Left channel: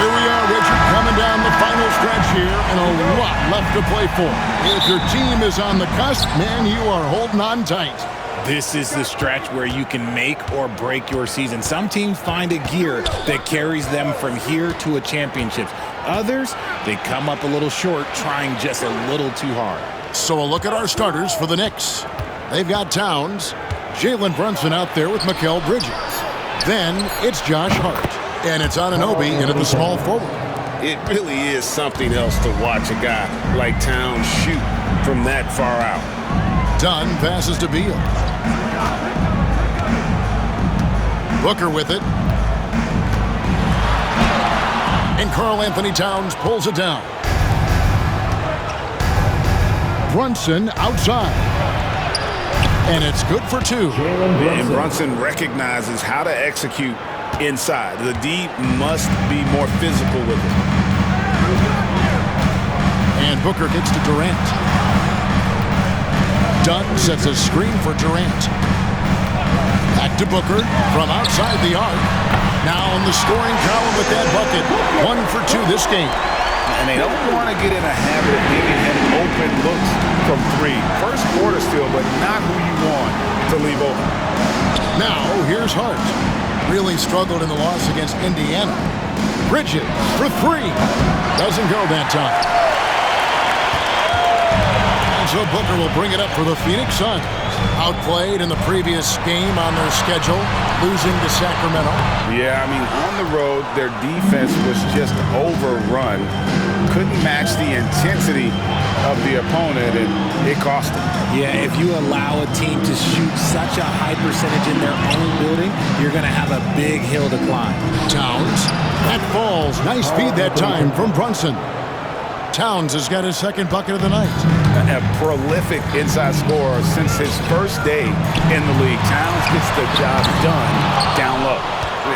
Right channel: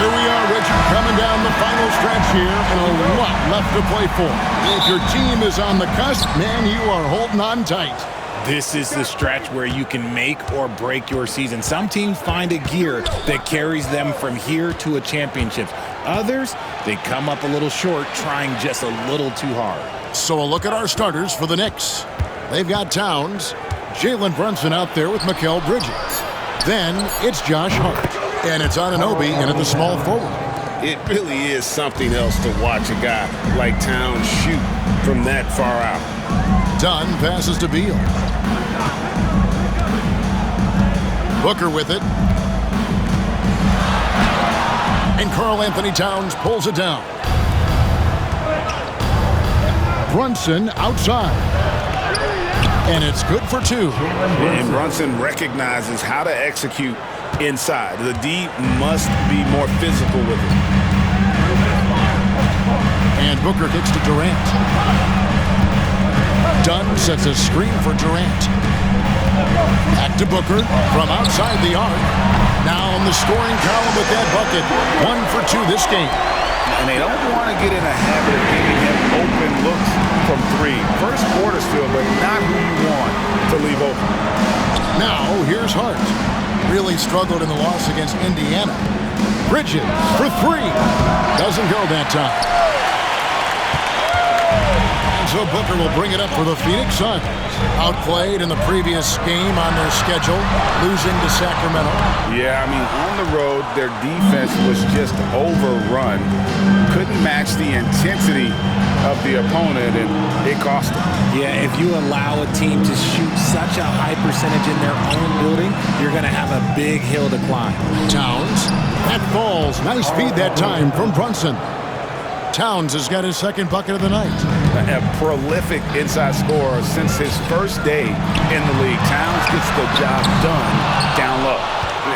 Here we are, Richard, coming down the final stretch here, and a lot left to play for. If your team is on the cusp, man, you are holding on tight. This is the stretch where you can make or break your season. Some teams find a gear that carries them from here to a championship. Others, they come up a little short, trying just a little too hard. So a look at our starters for the Knicks. They've got Towns, Jalen Brunson out there with Mikal Bridges. Then it's Josh Hart. And it's Anunoby in at the small forward. It really is something else to watch a guy like Towns shoot from that far out. Dunn passes to Beal. Booker with it. And Karl Anthony Towns pulls it down. Brunson outside. And it's good for two. And Brunson recognizes how to execute inside. The D must be more physical with it. And Booker kicks to Durant. Dunn sets a screen for Durant. Back to Booker from outside the arc. Now in the scoring column with that bucket. 1 for 2 this game. And they don't want to get in a habit of giving him open looks from 3. First quarter still, but not who you want to leave open. Now here's Hart. Really struggled in the loss against Indiana. Bridges for 3. Doesn't go that time. And so Booker will bring it up for the Phoenix Suns. Outplayed in the previous game on their schedule, losing to Sacramento. Yeah, I mean, on the road, their defense was just overrun. Couldn't match the intensity of the opponent, and it cost them. Yeah, if you allow a team to shoot such a high percentage in their own building, you're going to have a big hill to climb. Towns, that falls. Nice feed that time from Brunson. Towns has got his second bucket of the night. A prolific inside scorer since his first day in the league. Towns gets the job done down low.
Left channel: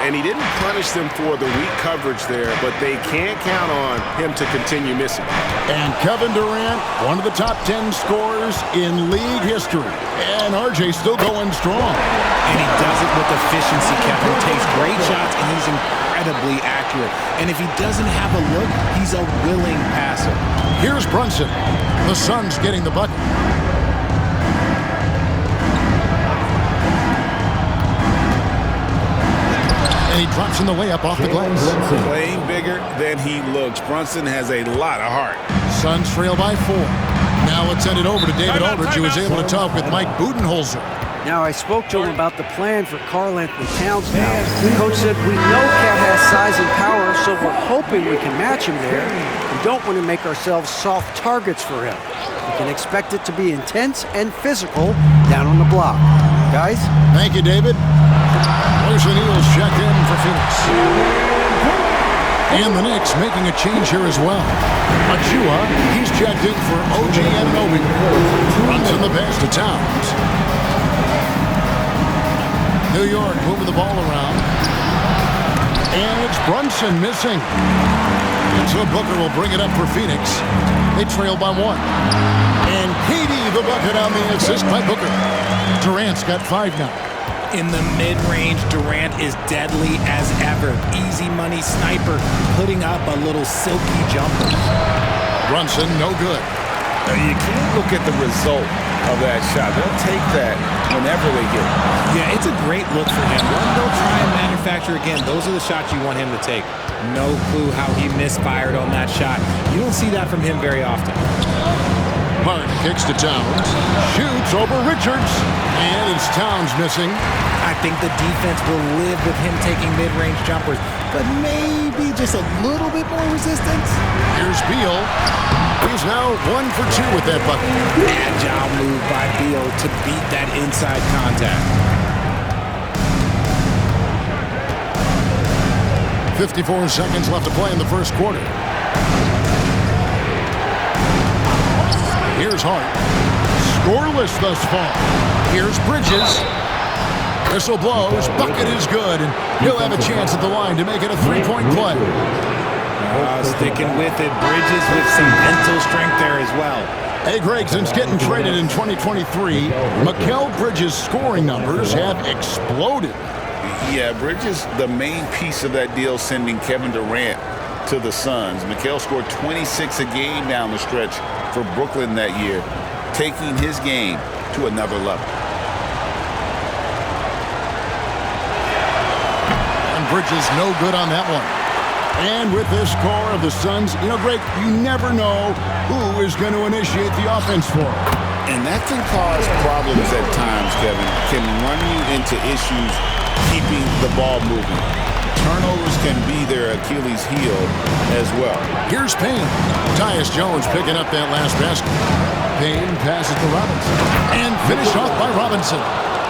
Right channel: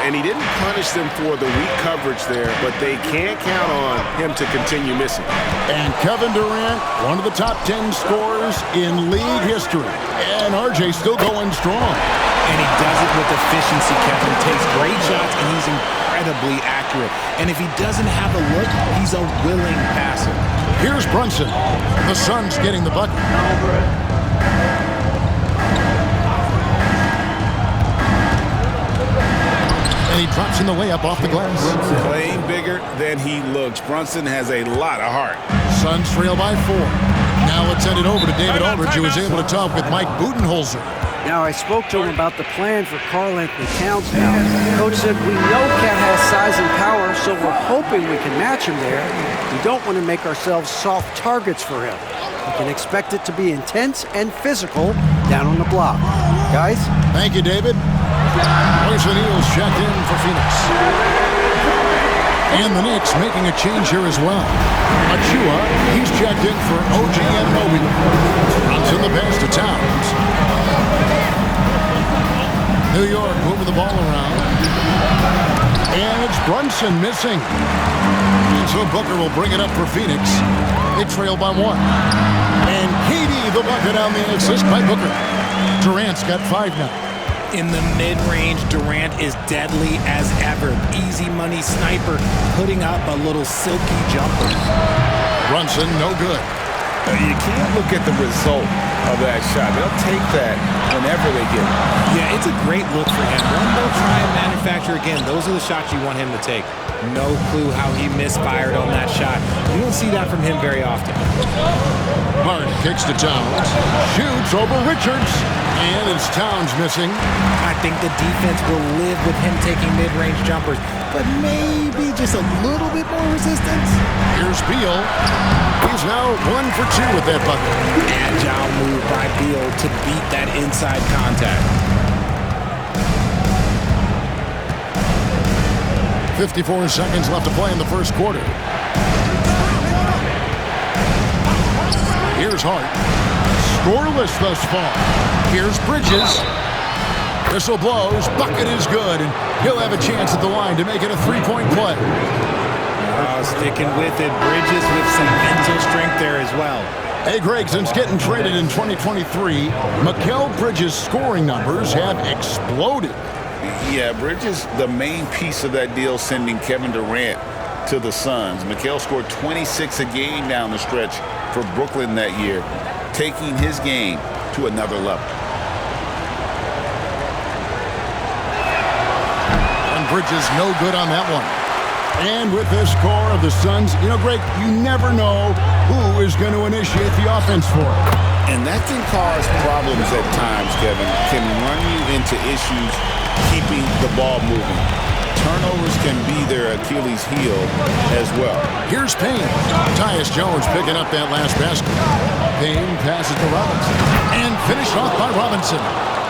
And he didn't punish them for the weak coverage there, but they can't count on him to continue missing. And Kevin Durant, one of the top 10 scorers in league history. And RJ still going strong. And he does it with efficiency, Kevin. Takes great shots, and he's incredibly accurate. And if he doesn't have a look, he's a willing passer. Here's Brunson. The Suns getting the bucket. And he drops in the layup off the glass. Playing bigger than he looks. Brunson has a lot of heart. Suns trail by 4. Now let's send it over to David Aldridge, who was able to talk with Mike Budenholzer. Now, I spoke to him about the plan for Karl Anthony Towns now. The coach said, we know Cat has size and power, so we're hoping we can match him there. We don't want to make ourselves soft targets for him. We can expect it to be intense and physical down on the block. Guys? Thank you, David. Royce O'Neal's checked in for Phoenix. And the Knicks making a change here as well. Achua, he's checked in for OG Anunoby. Brunson the pass to Towns. New York moving the ball around. And it's Brunson missing. And so Booker will bring it up for Phoenix. They trail by 1. And KD the bucket on the assist by Booker. Durant's got 5 now. In the mid-range, Durant is deadly as ever. Easy money sniper, putting up a little silky jumper. Brunson, no good. You can't look at the result of that shot. They'll take that whenever they get it. Yeah, it's a great look for him. One they'll try and manufacture again. Those are the shots you want him to take. No clue how he misfired on that shot. You don't see that from him very often. Hart kicks to Towns. Shoots over Richards. And it's Towns missing. I think the defense will live with him taking mid-range jumpers, but maybe just a little bit more resistance. Here's Beal. He's now 1 for 2 with that bucket. Agile move by Beal to beat that inside contact. 54 seconds left to play in the first quarter. Here's Hart. Scoreless thus far. Here's Bridges. Whistle blows. Bucket is good, and he'll have a chance at the line to make it a 3-point play. Sticking with it. Bridges with some mental strength there as well. Hey, Greg, since getting traded in 2023, Mikal Bridges' scoring numbers have exploded. Yeah, Bridges, the main piece of that deal, sending Kevin Durant to the Suns. Mikal scored 26 a game down the stretch for Brooklyn that year, taking his game to another level. And Bridges no good on that one. And with this core of the Suns, you know, Greg, you never know who is going to initiate the offense for them. And that can cause problems at times, Kevin. Can run you into issues keeping the ball moving. Turnovers can be their Achilles heel as well. Here's Payne. Tyus Jones picking up that last basket. Payne passes to Robinson. And finished off by Robinson.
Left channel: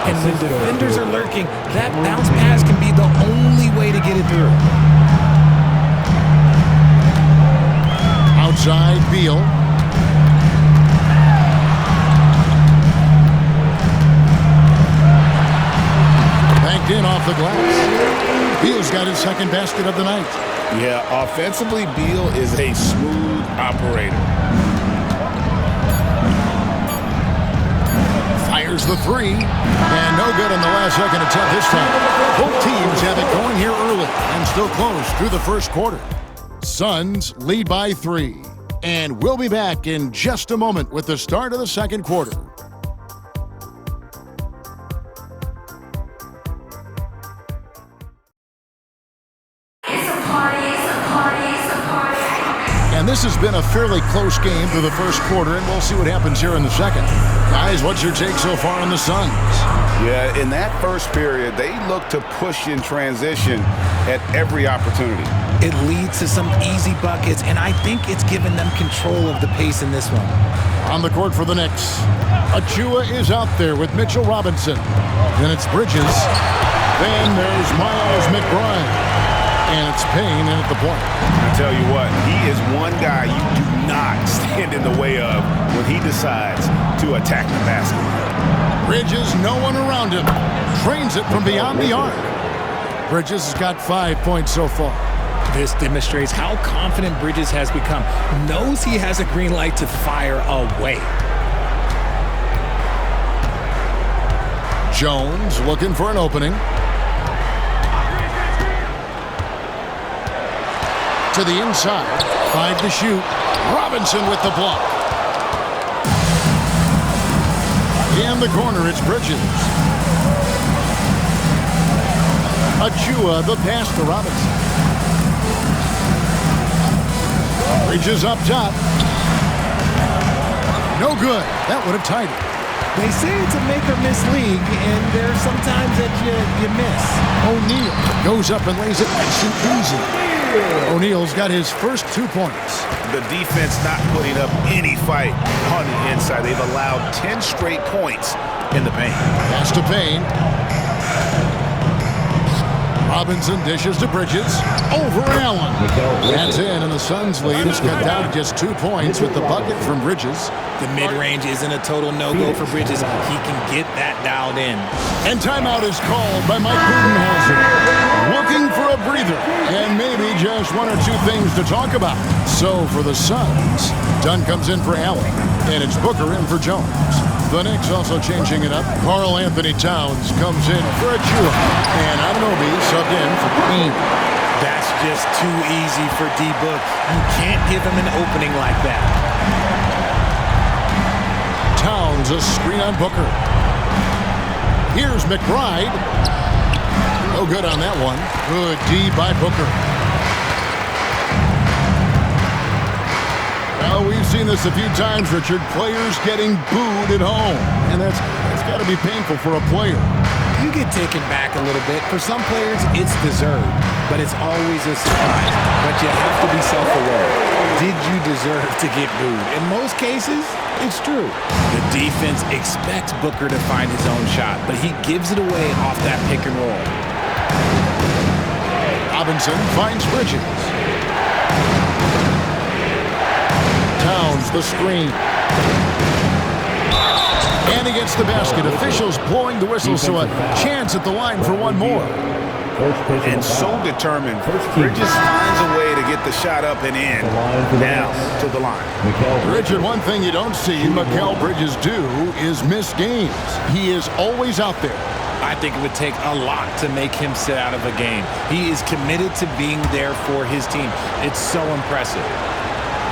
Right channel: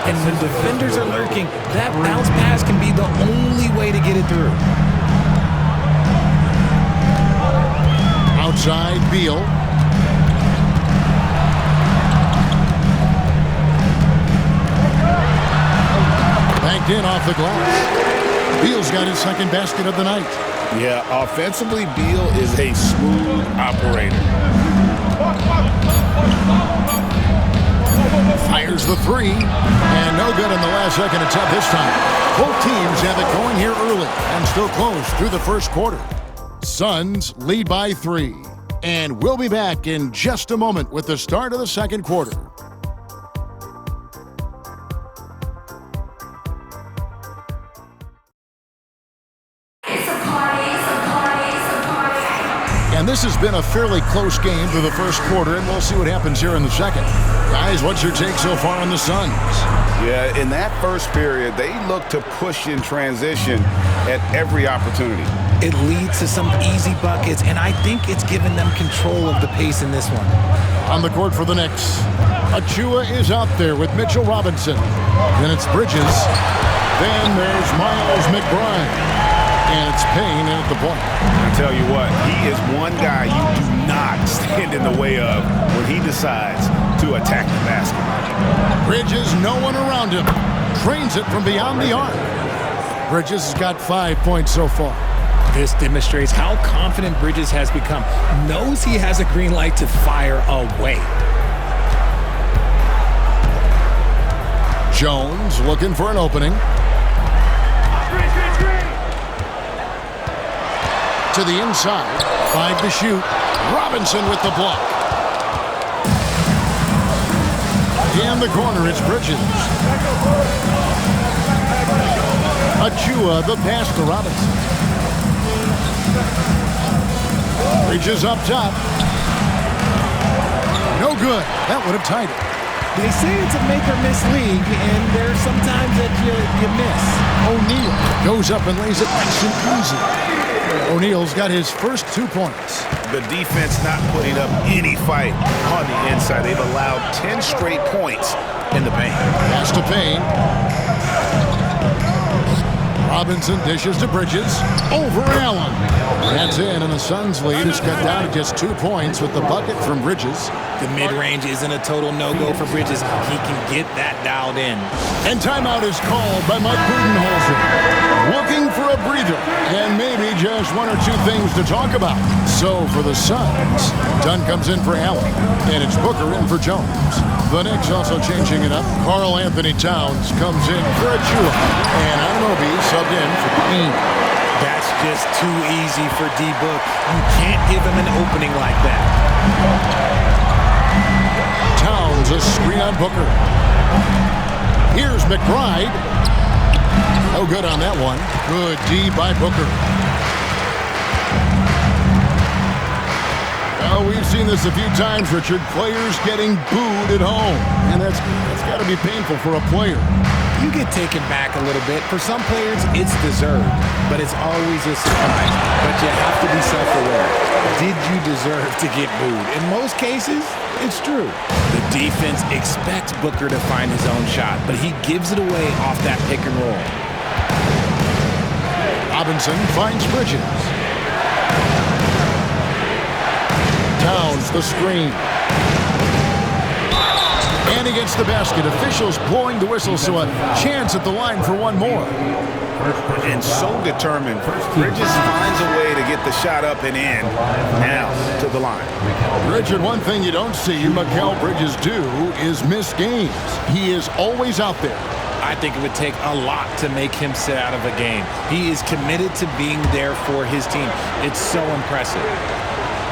And when defenders are lurking, that bounce pass can be the only way to get it through. Outside, Beal. Banked in off the glass. Beal's got his second basket of the night. Yeah, offensively, Beal is a smooth operator. Fires the three. And no good on the last second attempt this time. Both teams have it going here early and still close through the first quarter. Suns lead by 3. And we'll be back in just a moment with the start of the second quarter. And this has been a fairly close game through the first quarter, and we'll see what happens here in the second. Guys, what's your take so far on the Suns? Yeah, in that first period, they look to push in transition at every opportunity. It leads to some easy buckets, and I think it's given them control of the pace in this one. On the court for the Knicks, Achua is out there with Mitchell Robinson. Then it's Bridges. Then there's Miles McBride. And it's Payne in at the point. I tell you what, he is one guy you do not stand in the way of when he decides to attack the basket. Bridges, no one around him. Trains it from beyond the arc. Bridges has got 5 points so far. This demonstrates how confident Bridges has become. Knows he has a green light to fire away. Jones looking for an opening. To the inside, 5 to shoot. Robinson with the block. In the corner, it's Bridges. Achua, the pass to Robinson. Bridges up top. No good. That would have tied it. They say it's a make-or-miss league, and there's sometimes that you miss. O'Neal goes up and lays it nice and easy. O'Neal's got his first 2 points. The defense not putting up any fight on the inside. They've allowed 10 straight points in the paint. Pass to Payne. Robinson dishes to Bridges. Over Allen. That's in, and the Suns lead is cut down to just 2 points with the bucket from Bridges. The mid-range isn't a total no-go for Bridges. He can get that dialed in. And timeout is called by Mike Budenholzer. Looking for a breather and maybe just 1 or 2 things to talk about. So for the Suns, Dunn comes in for Allen, and it's Booker in for Jones. The Knicks also changing it up. Karl Anthony Towns comes in for Achua, and Anunoby subbed in for Payne. That's just too easy for D-Book. You can't give him an opening like that. Towns a screen on Booker. Here's McBride. No good on that one. Good D by Booker. Well, we've seen this a few times, Richard. Players getting booed at home. And that's got to be painful for a player. You get taken back a little bit. For some players, it's deserved. But it's always a surprise. But you have to be self-aware. Did you deserve to get booed? In most cases, it's true. The defense expects Booker to find his own shot, but he gives it away off that pick and roll. Robinson finds Bridges. Towns the screen. And he gets the basket. Officials blowing the whistle, so a chance at the line for one more. And so determined, Bridges finds a way to get the shot up and in. Now to the line. Richard, one thing you don't see Mikal Bridges do is miss games. He is always out there. I think it would take a lot to make him sit out of a game. He is committed to being there for his team. It's so impressive.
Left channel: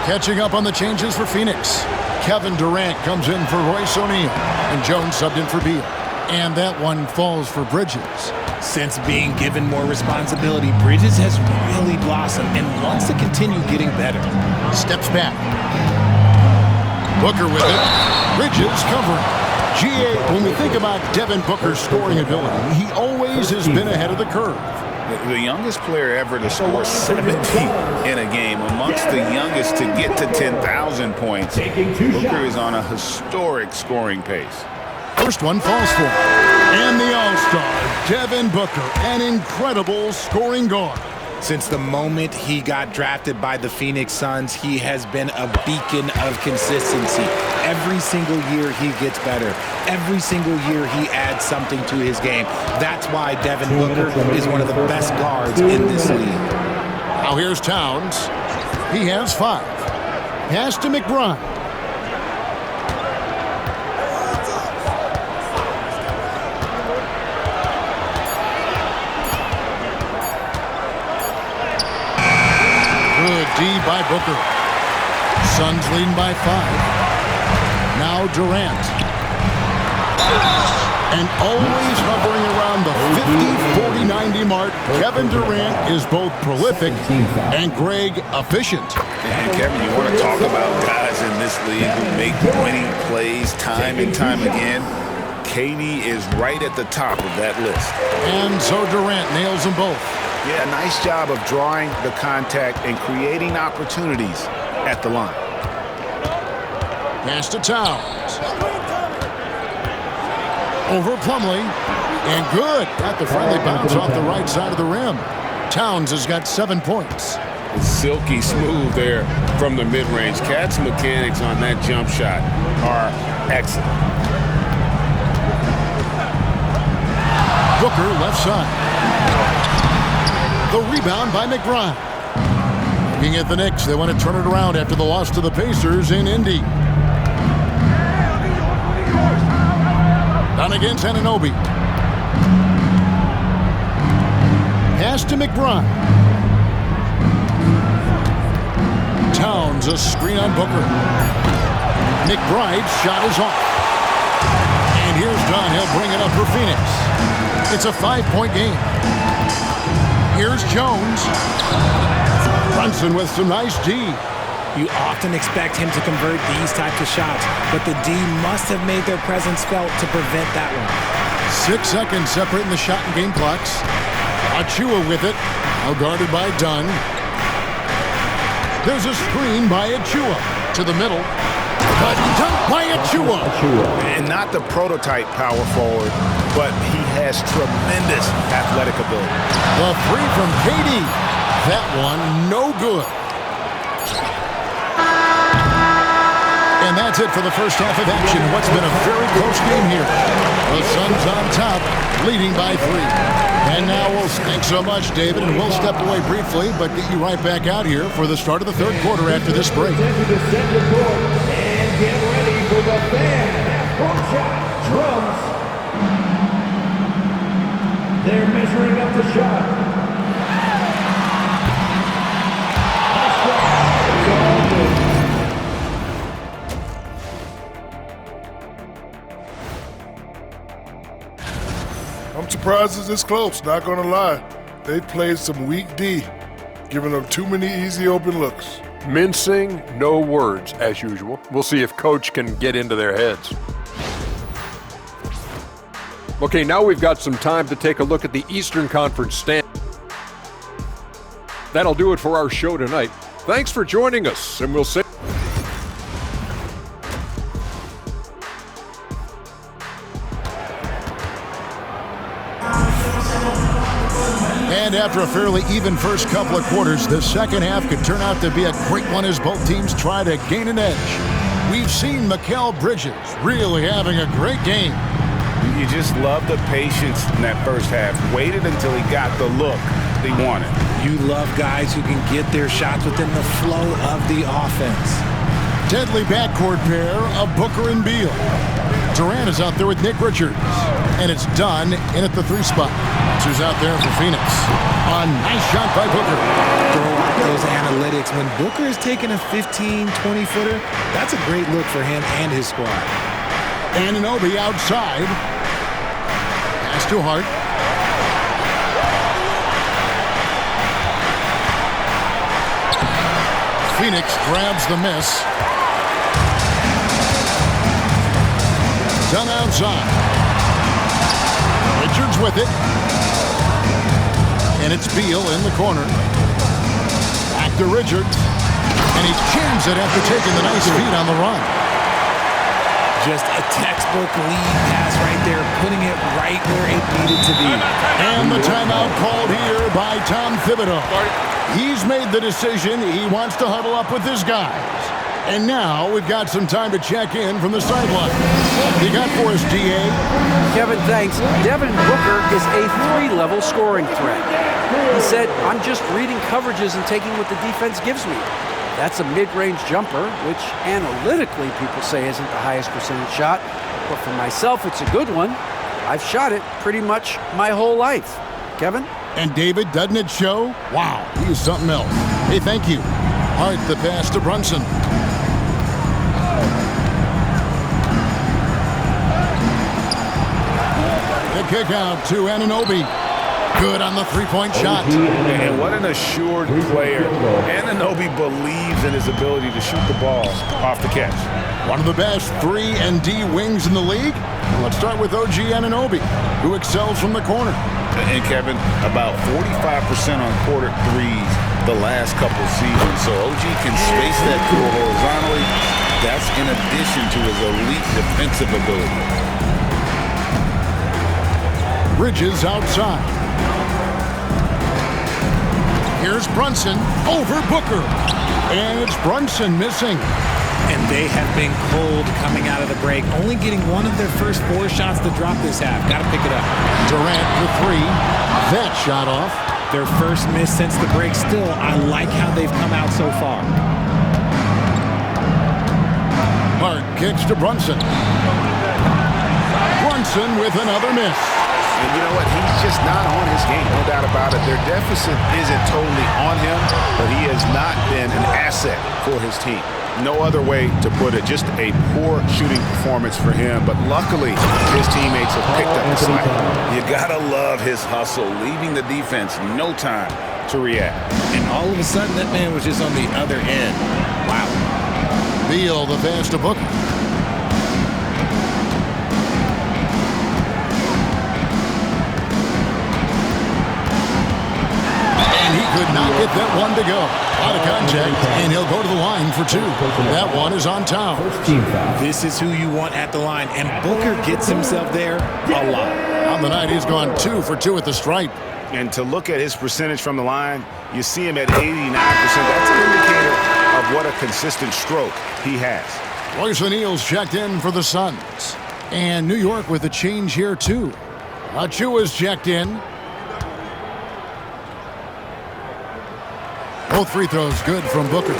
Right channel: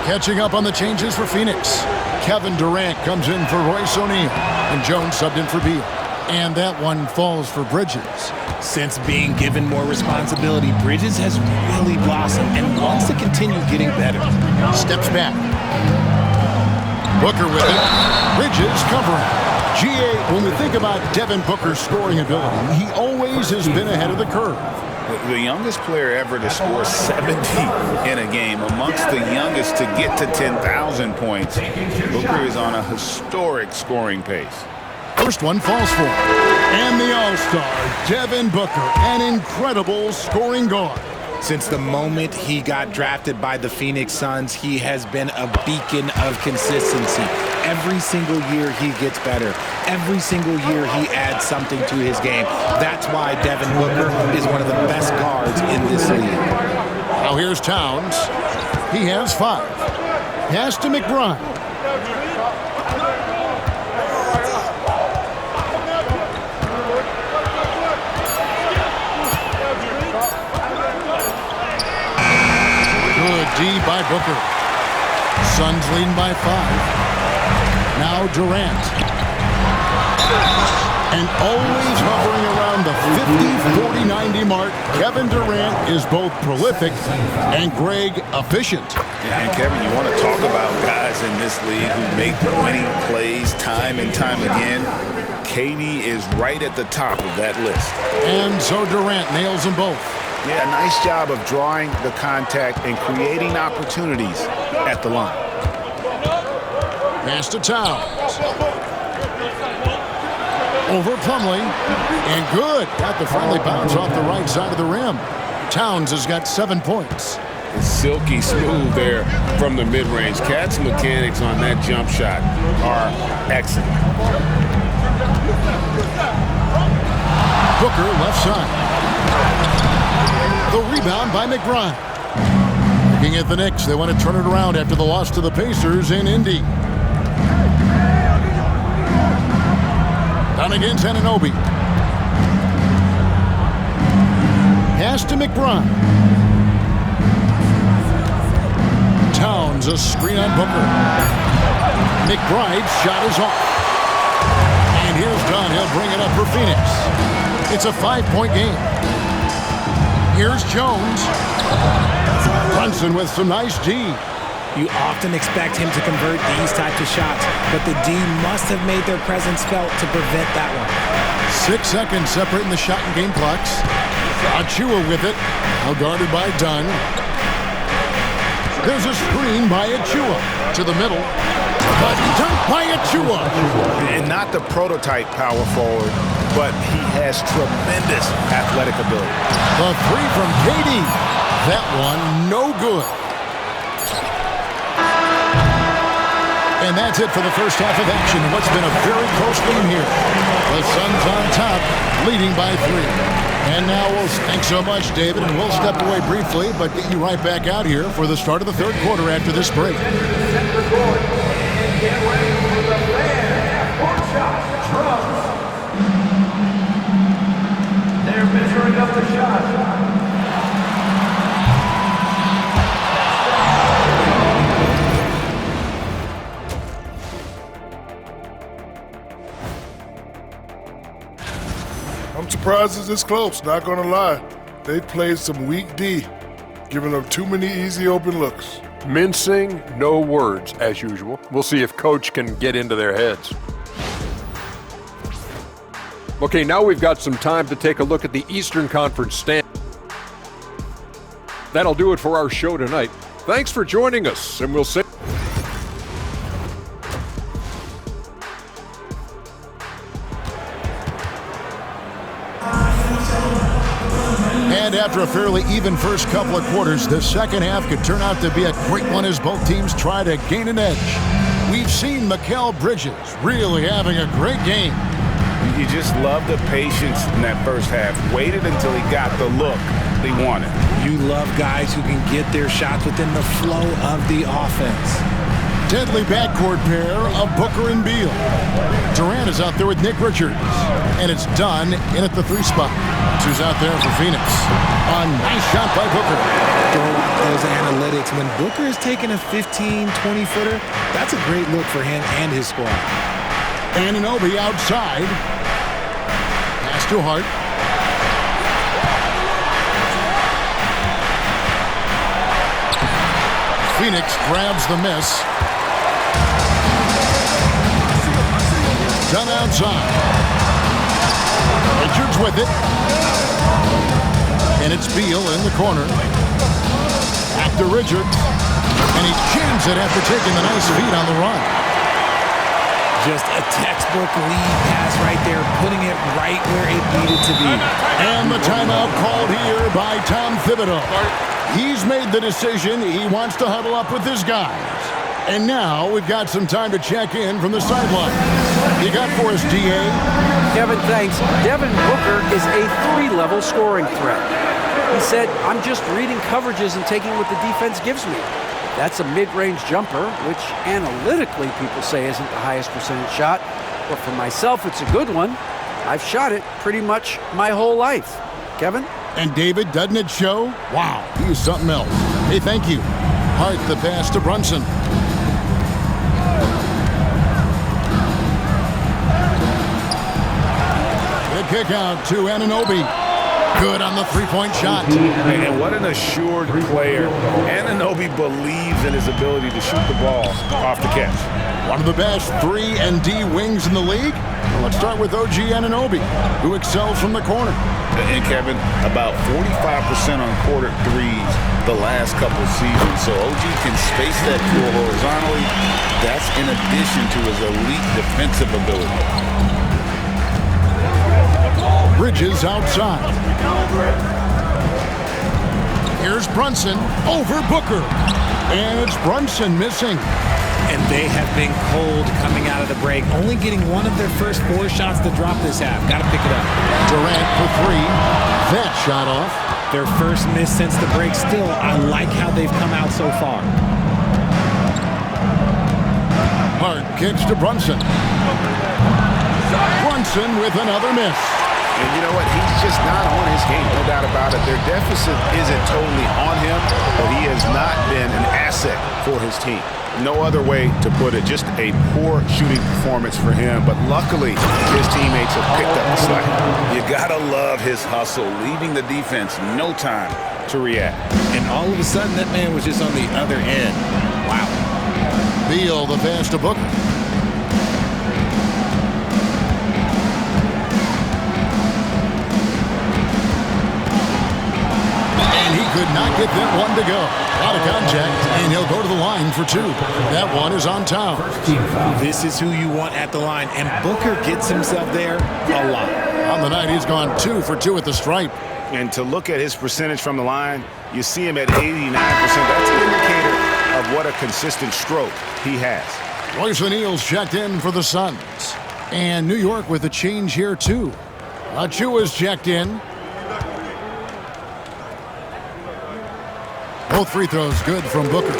Catching up on the changes for Phoenix. Kevin Durant comes in for Royce O'Neal, and Jones subbed in for Beal. And that one falls for Bridges. Since being given more responsibility, Bridges has really blossomed and wants to continue getting better. Steps back. Booker with it. Bridges covering. GA, when we think about Devin Booker's scoring ability, he always has been ahead of the curve. The youngest player ever to score 70 in a game, amongst the youngest to get to 10,000 points. Booker is on a historic scoring pace. First one falls for him. And the All-Star, Devin Booker, an incredible scoring guard. Since the moment he got drafted by the Phoenix Suns, he has been a beacon of consistency. Every single year he gets better. Every single year he adds something to his game. That's why Devin Booker is one of the best guards in this league. Now here's Towns. He has 5. Pass to McBride. Good D by Booker. Suns leading by 5. Now Durant. And always hovering around the 50, 40, 90 mark, Kevin Durant is both prolific and, Greg, efficient. And Kevin, you want to talk about guys in this league who make winning plays time and time again? KD is right at the top of that list. And so Durant nails them both. Yeah, nice job of drawing the contact and creating opportunities at the line. Pass to Towns. Over Plumlee. And good. Got the friendly bounce off the right side of the rim. Towns has got 7 points. It's silky smooth there from the mid-range. Cat's mechanics on that jump shot are excellent. Booker left side. The rebound by McBride. Looking at the Knicks, they want to turn it around after the loss to the Pacers in Indy. Down against Anunoby. Pass to McBride. Towns, a screen on Booker. McBride's shot is off. And here's Dunn. He'll bring it up for Phoenix. It's a 5-point game. Here's Jones. Brunson with some nice D. You often expect him to convert these types of shots, but the D must have made their presence felt to prevent that one. 6 seconds separating the shot and game clocks. Achua with it. Now guarded by Dunn. There's a screen by Achua to the middle. But dunked by Achua. And not the prototype power forward, but he has tremendous athletic ability. The 3 from KD. That one no good. And that's it for the first half of action. What's been a very close game here. The Suns on top, leading by 3. And now thanks so much, David, and we'll step away briefly, but get you right back out here for the start of the third quarter after this break. And get ready for the fan half-court shot. Drums. They're measuring up the shot. I'm surprised it's this close, not gonna lie. They played some weak D, giving up too many easy open looks. Mincing, no words, as usual. We'll see if Coach can get into their heads. Okay, now we've got some time to take a look at the Eastern Conference stand. That'll do it for our show tonight. Thanks for joining us, and we'll see. And after a fairly even first couple of quarters, the second half could turn out to be a great one as both teams try to gain an edge. We've seen Mikal Bridges really having a great game. You just love the patience in that first half. Waited until he got the look he wanted. You love guys who can get their shots within the flow of the offense. Deadly backcourt pair of Booker and Beal. Durant is out there with Nick Richards. And it's done in at the 3 spot. That's who's out there for Phoenix. A nice shot by Booker. Throw out those analytics. When Booker is taking a 15, 20-footer, that's a great look for him and his squad. Anunoby outside. Pass to Hart. Phoenix grabs the miss. Done outside. Richards with it. And it's Beal in the corner. Back to Richards. And he jams it after taking the nice feed on the run. Just a textbook lead pass right there, putting it right where it needed to be. And the timeout called here by Tom Thibodeau. He's made the decision. He wants to huddle up with his guys. And now we've got some time to check in from the sideline. You got for us, D.A.? Kevin, thanks. Devin Booker is a 3-level scoring threat. He said, I'm just reading coverages and taking what the defense gives me. That's a mid-range jumper, which analytically people say isn't the highest percentage shot. But for myself, it's a good one. I've shot it pretty much my whole life. Kevin? And David, doesn't it show? Wow, he is something else. Hey, thank you. Hart, the pass to Brunson. The kick out to Anunoby. Good on the 3-point shot. And what an assured player. Anunoby believes in his ability to shoot the ball off the catch. One of the best 3 and D wings in the league. Well, let's start with OG Anunoby, who excels from the corner. And Kevin, about 45% on quarter threes the last couple seasons. So OG can space that floor horizontally. That's in addition to his elite defensive ability. Bridges outside. Here's Brunson over Booker. And it's Brunson missing. And they have been cold coming out of the break, only getting one of their first 4 shots to drop this half. Got to pick it up. Durant for 3. That shot off. Their first miss since the break. Still, I like how they've come out so far. Hart kicks to Brunson. Brunson with another miss. And you know what? He's just not on his game, no doubt about it. Their deficit isn't totally on him, but he has not been an asset for his team. No other way to put it. Just a poor shooting performance for him. But luckily, his teammates have picked up the slack. You gotta love his hustle, leaving the defense no time to react. And all of a sudden, that man was just on the other end. Wow. Beal, the pass to Booker. And he could not get that one to go. Out of contact, and he'll go to the line for 2. That one is on Towns. This is who you want at the line, and Booker gets himself there a lot. On the night, he's gone 2 for 2 at the stripe. And to look at his percentage from the line, you see him at 89%. That's an indicator of what a consistent stroke he has. Royce O'Neal's checked in for the Suns. And New York with a change here, too. Achua's checked in. Both free throws good from Booker.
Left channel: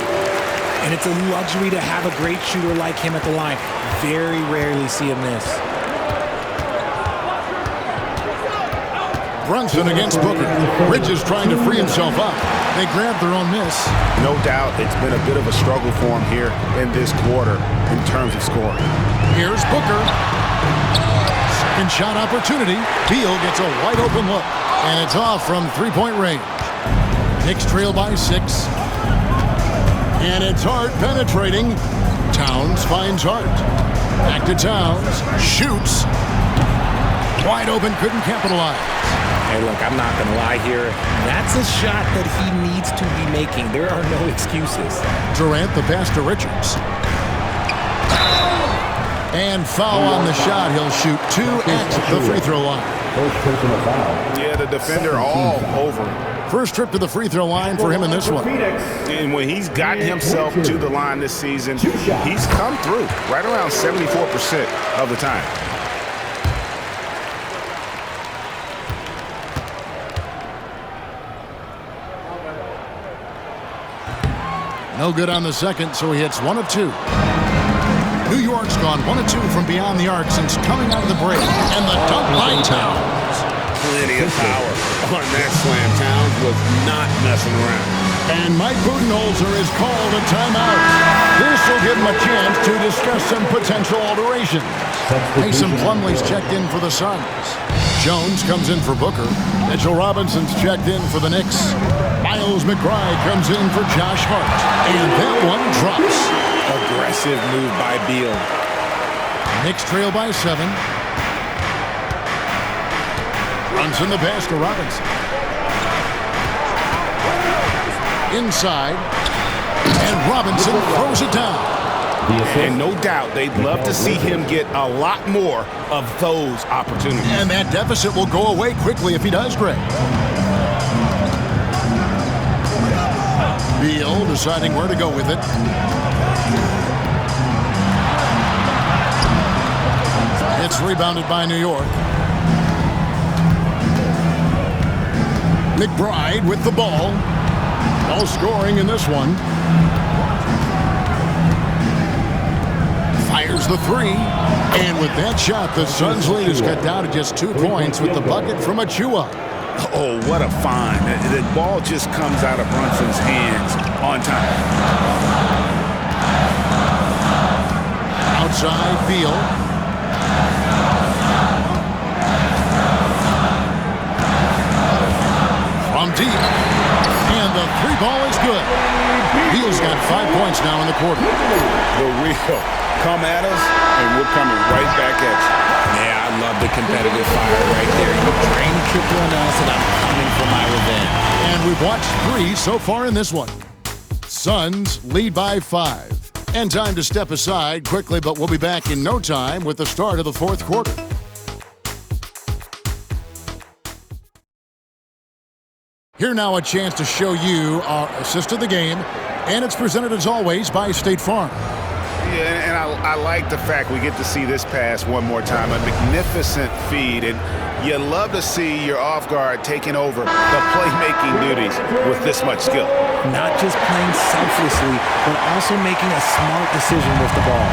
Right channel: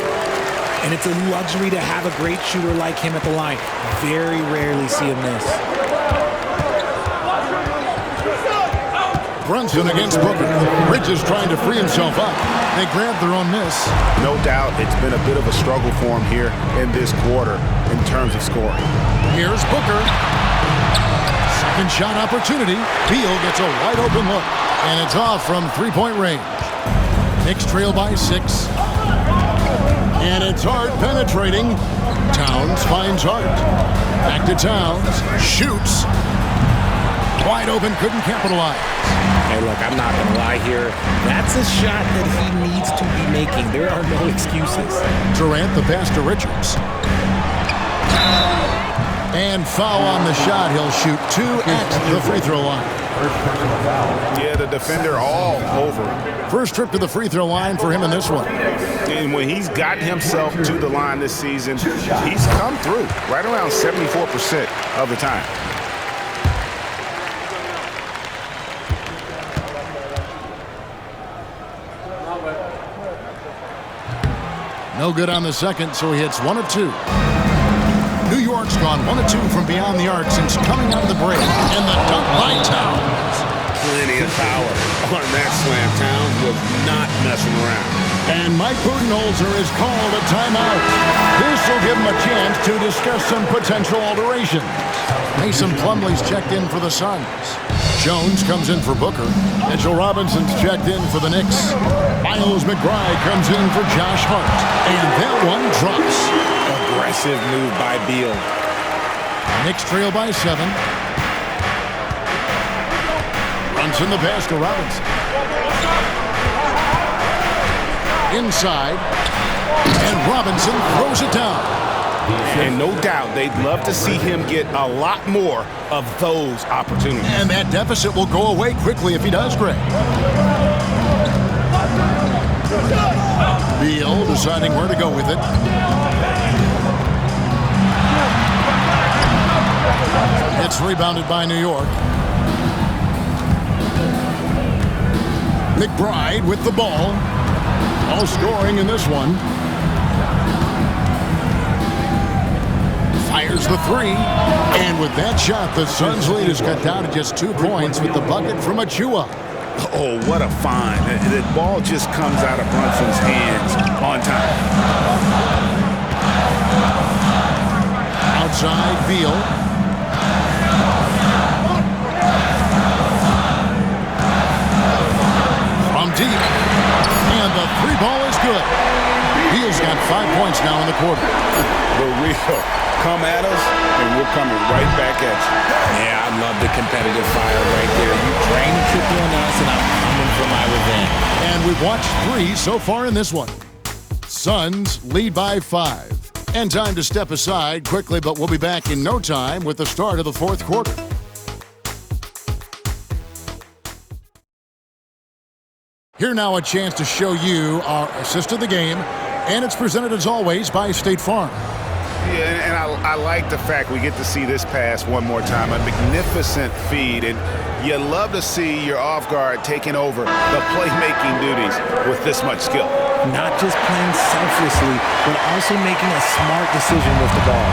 And it's a luxury to have a great shooter like him at the line. Very rarely see him miss. Brunson against Booker. Bridges trying to free himself up. They grab their own miss. No doubt it's been a bit of a struggle for him here in this quarter in terms of scoring. Here's Booker. Second shot opportunity. Beal gets a wide open look. And it's off from 3-point range. Knicks trail by 6. And it's Hart penetrating. Towns finds Hart. Back to Towns. Shoots. Wide open, couldn't capitalize. Hey, look, I'm not going to lie here. That's a shot that he needs to be making. There are no excuses. Durant, the pass to Richards. And foul on the shot. He'll shoot 2 at the free throw line. First personal foul. Yeah, the defender all over him. First trip to the free throw line for him in this one. And when he's gotten himself to the line this season, he's come through right around 74% of the time. No good on the second, so he hits 1 of 2. New York's gone 1 of 2 from beyond the arc since coming out of the break. And the dunk by Towns. Plenty of power on that slam. Towns was not messing around. And Mike Budenholzer has called a timeout. This will give him a chance to discuss some potential alterations. Mason Plumlee's checked in for the Suns. Jones comes in for Booker. Mitchell Robinson's checked in for the Knicks. Miles McBride comes in for Josh Hart. And that one drops. Aggressive move by Beal. Knicks trail by 7. Brunson the pass to Robinson. Inside, and Robinson throws it down. And no doubt they'd love to see him get a lot more of those opportunities. And that deficit will go away quickly if he does, Greg. Beal deciding where to go with it. It's rebounded by New York. McBride with the ball. No scoring in this one. Fires the 3. And with that shot, the Suns' lead is cut down to just 2 points with the bucket from Achua. Oh, what a find. The ball just comes out of Brunson's hands on time. Outside, Beal. From deep. And the 3 ball is good. Beal's got 5 points now in the quarter. The real come at us, and we're coming right back at you. Yeah, I love the competitive fire right there. You drain a triple on us, and I'm coming for my revenge. And we've watched 3 so far in this one. Suns lead by 5. And time to step aside quickly, but we'll be back in no time with the start of the 4th quarter. Here now a chance to show you our assist of the game, and it's presented as always by State Farm. Yeah, and I like the fact we get to see this pass one more time. A magnificent feed, and you love to see your off guard taking over the playmaking duties with this much skill. Not just playing selflessly, but also making a smart decision with the ball.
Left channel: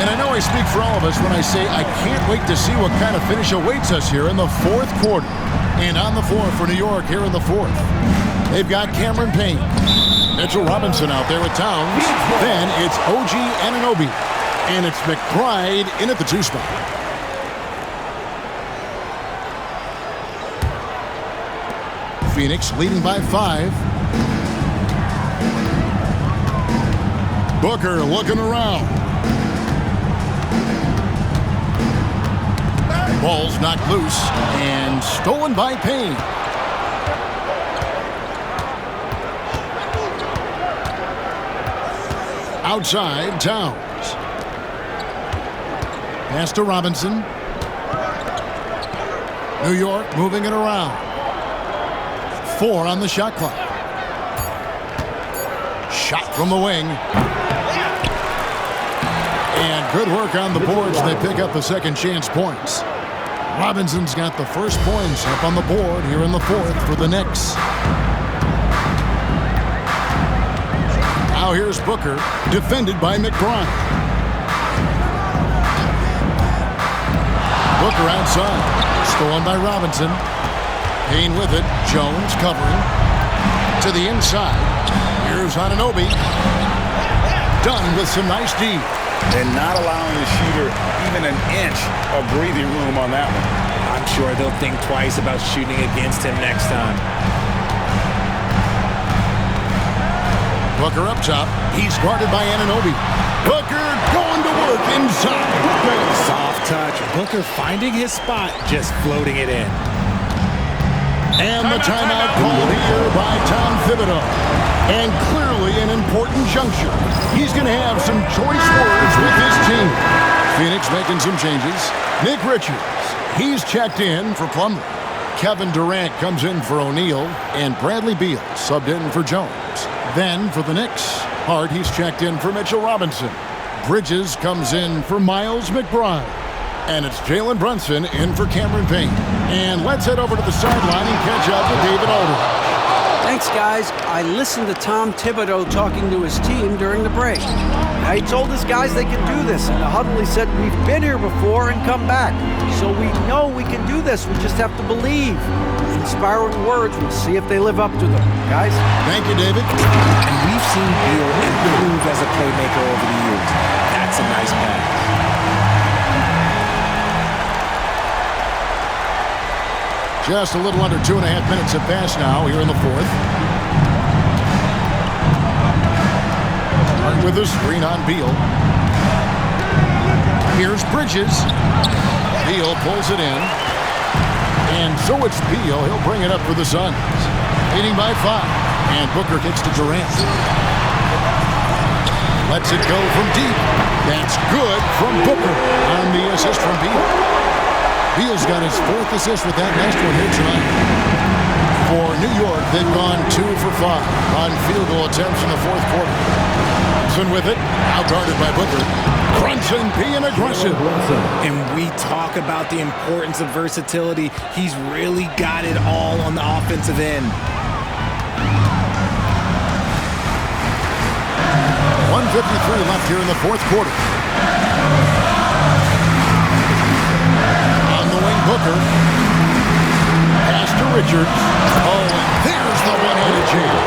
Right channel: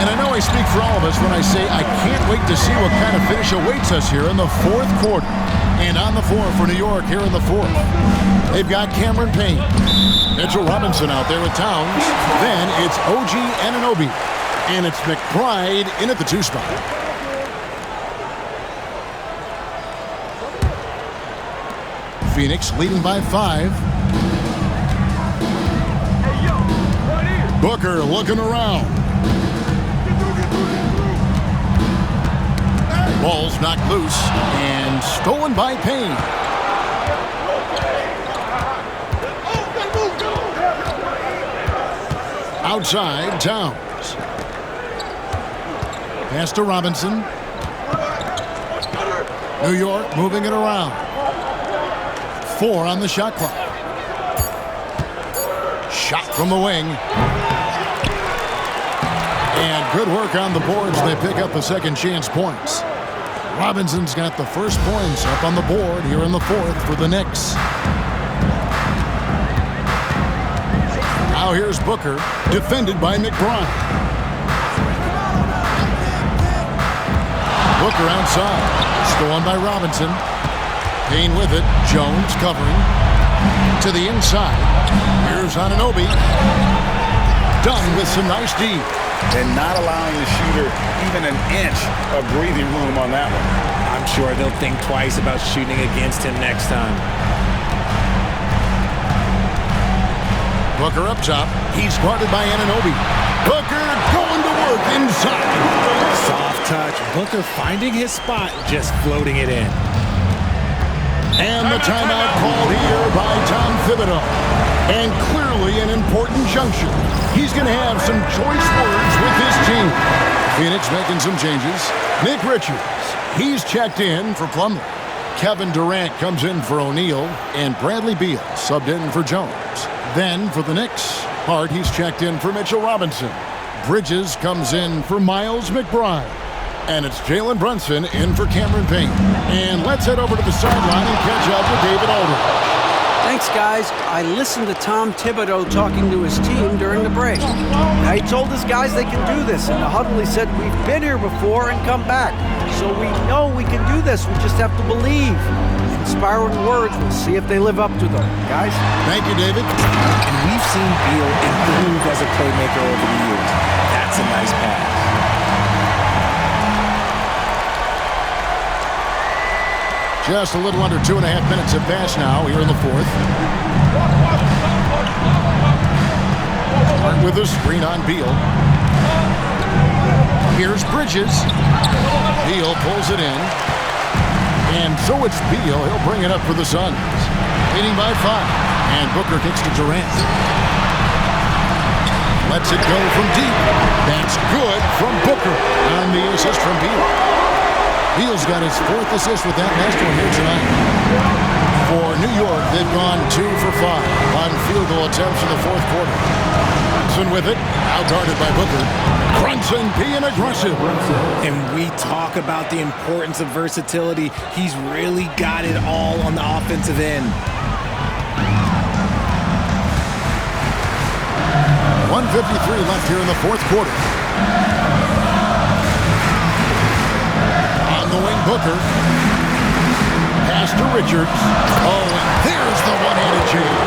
And I know I speak for all of us when I say I can't wait to see what kind of finish awaits us here in the 4th quarter. And on the floor for New York here in the 4th, they've got Cameron Payne. Mitchell Robinson out there with Towns. Then it's OG Anunoby. And it's McBride in at the 2 spot. Phoenix leading by 5. Booker looking around. Ball's knocked loose and stolen by Payne. Outside, Towns. Pass to Robinson. New York moving it around. 4 on the shot clock. Shot from the wing. And good work on the boards. They pick up the second chance points. Robinson's got the first points up on the board here in the 4th for the Knicks. Now here's Booker, defended by McBride. Booker outside, stolen by Robinson. Payne with it, Jones covering. To the inside, here's Anunoby. Done with some nice D. And not allowing the shooter even an inch of breathing room on that one. I'm sure they'll think twice about shooting against him next time. Booker up top. He's guarded by Anunoby. Booker going to work inside. Soft touch. Booker finding his spot, just floating it in. And the timeout called here by Tom Thibodeau. And clearly an important juncture. He's going to have some choice words with his team. Phoenix making some changes. Nick Richards, he's checked in for Plumlee. Kevin Durant comes in for O'Neal, and Bradley Beal subbed in for Jones. Then for the Knicks, Hart, he's checked in for Mitchell Robinson. Bridges comes in for Miles McBride. And it's Jalen Brunson in for Cameron Payne. And let's head over to the sideline and catch up with David Aldridge. Thanks, guys. I listened to Tom Thibodeau talking to his team during the break. Now, he told his guys they can do this. In the huddle, he said, we've been here before and come back. So we know we can do this. We just have to believe. Inspiring words. We'll see if they live up to them. Guys? Thank you, David. And we've seen Beal improve as a playmaker over the years. That's a nice pass. Just a little under 2.5 minutes have passed now here in the fourth. Hart with a screen on Beal. Here's Bridges. Beal pulls it in. And so it's Beal. He'll bring it up for the Suns. Leading by 5. And Booker kicks to Durant. Lets it go from deep. That's good from Booker on the assist from Beal. Beal's got his 4th assist with that last one here tonight. For New York, they've gone 2 for 5 on field goal attempts in the 4th quarter. Brunson with it, out guarded by Booker. Brunson being aggressive. And we talk about the importance of versatility. He's really got it all on the offensive end. 1:53 left here in the 4th quarter. On the wing, Booker. Pass to Richards. Oh, and there's the one-handed jam.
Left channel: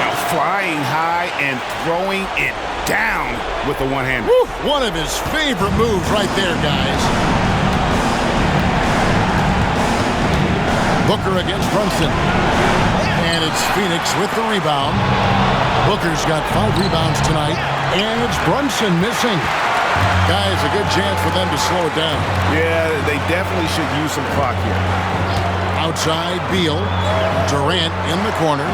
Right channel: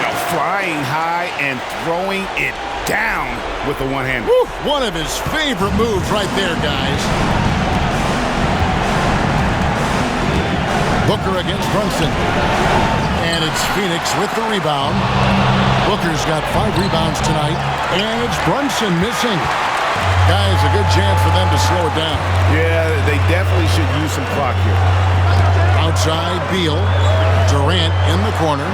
Now flying high and throwing it down with the one-hander. One of his favorite moves right there, guys. Booker against Brunson. And it's Phoenix with the rebound. Booker's got 5 rebounds tonight. And it's Brunson missing. Guys, a good chance for them to slow it down. Yeah, they definitely should use some clock here. Outside, Beal. Durant in the corner.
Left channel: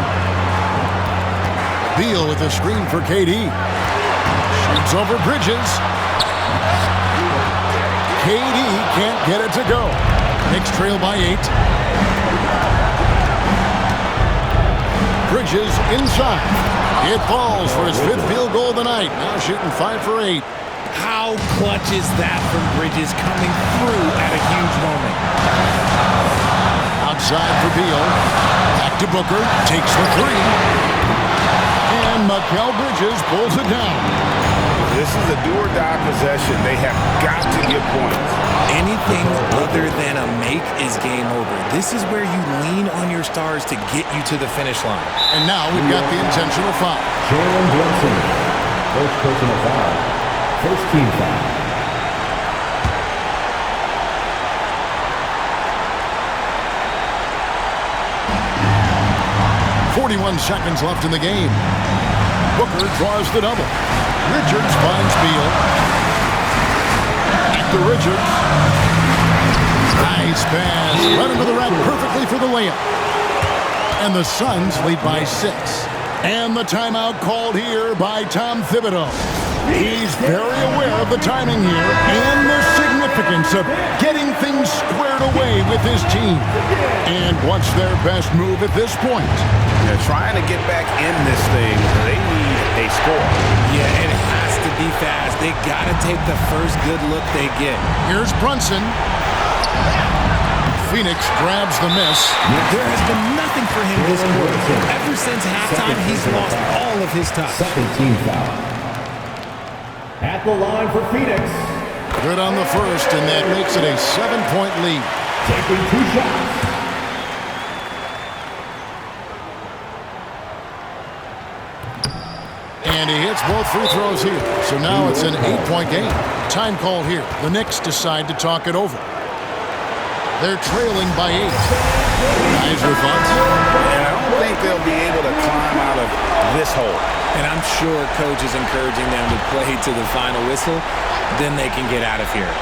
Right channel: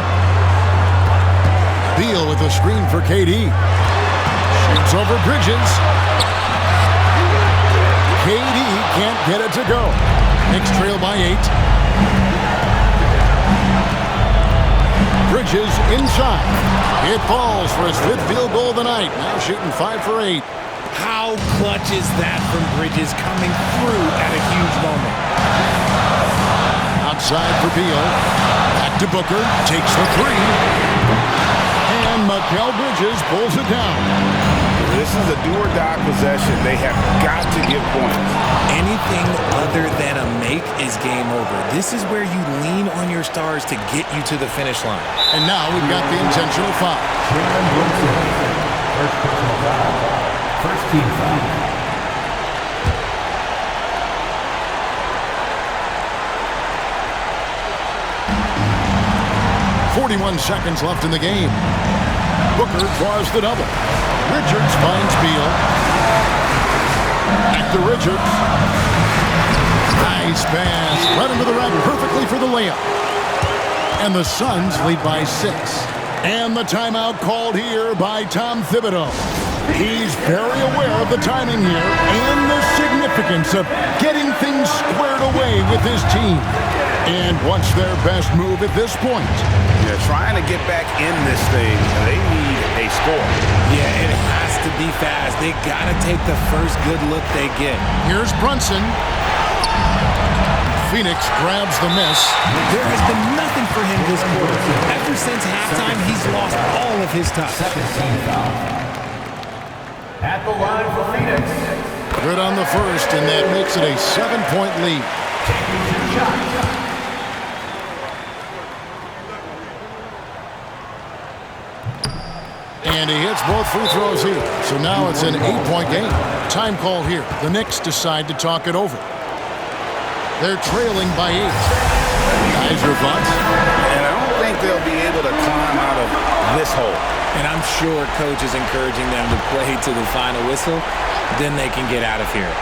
Beal with a screen for KD. Shoots over Bridges. KD can't get it to go. Knicks trail by 8. Bridges inside. It falls for his 5th field goal of the night. Now shooting 5 for 8. How clutch is that from Bridges coming through at a huge moment? Outside for Beal. Back to Booker. Takes the 3. And Mikal Bridges pulls it down. This is a do-or-die possession. They have got to get points. Anything other than a make is game over. This is where you lean on your stars to get you to the finish line. And now we've got the intentional foul. Jalen Brunson. First personal foul. First team foul. .41 seconds left in the game. Booker draws the double. Richards finds Beal. Back to Richards. Nice pass. Led into the rack perfectly for the layup. And the Suns lead by 6. And the timeout called here by Tom Thibodeau. He's very aware of the timing here and the significance of getting things squared away with his team. And what's their best move at this point? Yeah, trying to get back in this thing, they need a score. Yeah, it has to be fast. They got to take the first good look they get. Here's Brunson. Phoenix grabs the miss. There has been nothing for him this quarter. Ever since halftime, he's lost all of his touch. Second team foul. At the line for Phoenix. Good on the first, and that makes it a 7-point lead. Taking 2 shots. And he hits both free throws here. So now it's an 8-point game. Time call here. The Knicks decide to talk it over. They're trailing by 8. Guys, your thoughts? And I don't think they'll be able to climb out of this hole. And I'm sure coach is encouraging them to play to the final whistle. Then they can get out of here.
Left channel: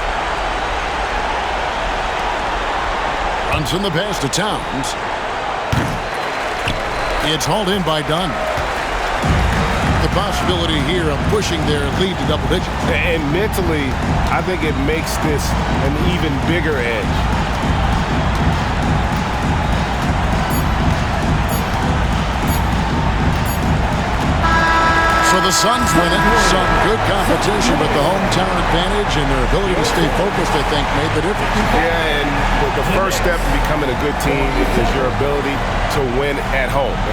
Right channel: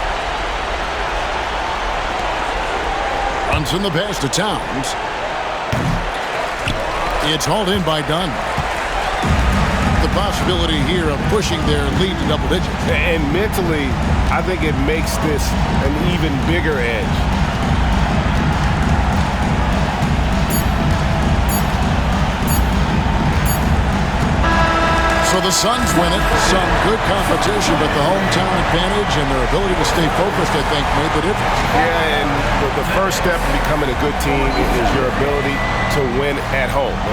Brunson the pass to Towns. It's hauled in by Dunn. The possibility here of pushing their lead to double digits. And mentally, I think it makes this an even bigger edge. So the Suns win it. Some good competition, but the hometown advantage and their ability to stay focused, I think, made the difference. Yeah, and the first step in becoming a good team is your ability to win at home.